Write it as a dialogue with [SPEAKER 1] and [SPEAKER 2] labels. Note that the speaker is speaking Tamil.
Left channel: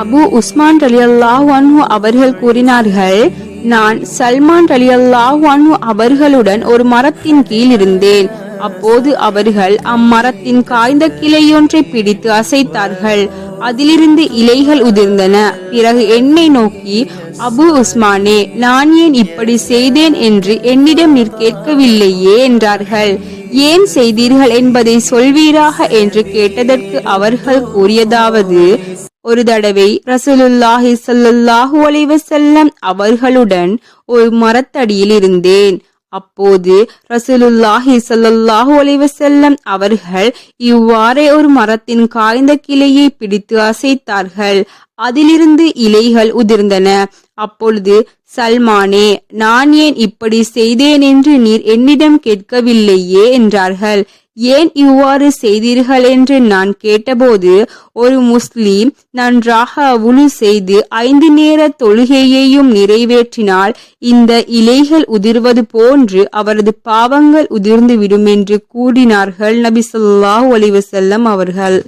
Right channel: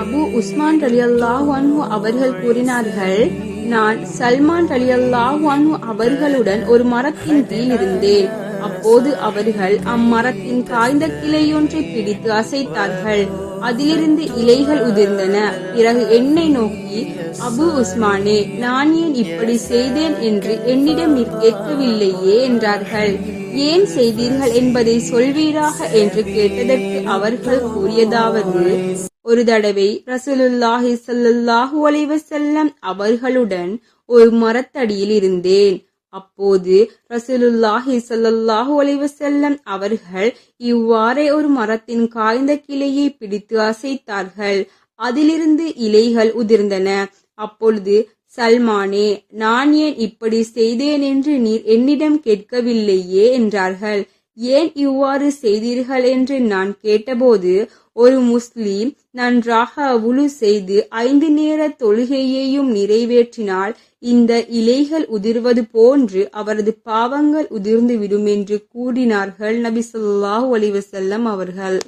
[SPEAKER 1] அபு உஸ்மான் ரலியல்லாஹு அன்ஹு அவர்கள் கூறினார்கள் நான் சல்மான் ரலியல்லாஹு அன்ஹு அவர்களுடன் ஒரு மரத்தின் கீழ் இருந்தேன். அப்போது அவர்கள் அம்மரத்தின் காய்ந்த கிளையொன்றை பிடித்து அசைத்தார்கள். அதிலிருந்து இலைகள் உதிர்ந்தன. பிறகு என்னை நோக்கி அபு உஸ்மானே நான் ஏன் இப்படி செய்தேன் என்று என்னிடம் நீர் கேட்கவில்லையே என்றார்கள். ஏன் செய்தீர்கள் என்பதை சொல்வீராக என்று கேட்டதற்கு அவர்கள் கூறியதாவது ஒரு தடவை ரசூலுல்லாஹி ஸல்லல்லாஹு அலைஹி அவர்களுடன் ஒரு மரத்தடியில் இருந்தேன். அப்போது ரசூலுல்லாஹி ஸல்லல்லாஹு அலைஹி அவர்கள் இவ்வாறே ஒரு மரத்தின் காய்ந்த கிளையை பிடித்து அசைத்தார்கள். அதிலிருந்து இலைகள் உதிர்ந்தன. அப்பொழுது சல்மானே நான் ஏன் இப்படி செய்தேன் என்று நீர் என்னிடம் கேட்கவில்லையே என்றார்கள். ஏன் இவ்வாறு செய்தீர்கள் என்று நான் கேட்டபோது ஒரு முஸ்லீம் நன்றாக உழு செய்து ஐந்து நேர தொழுகையையும் நிறைவேற்றினால் இந்த இலைகள் உதிர்வது போன்று அவரது பாவங்கள் உதிர்ந்து விடும் என்று கூறினார்கள் நபி ஸல்லல்லாஹு அலைஹி அவர்கள்.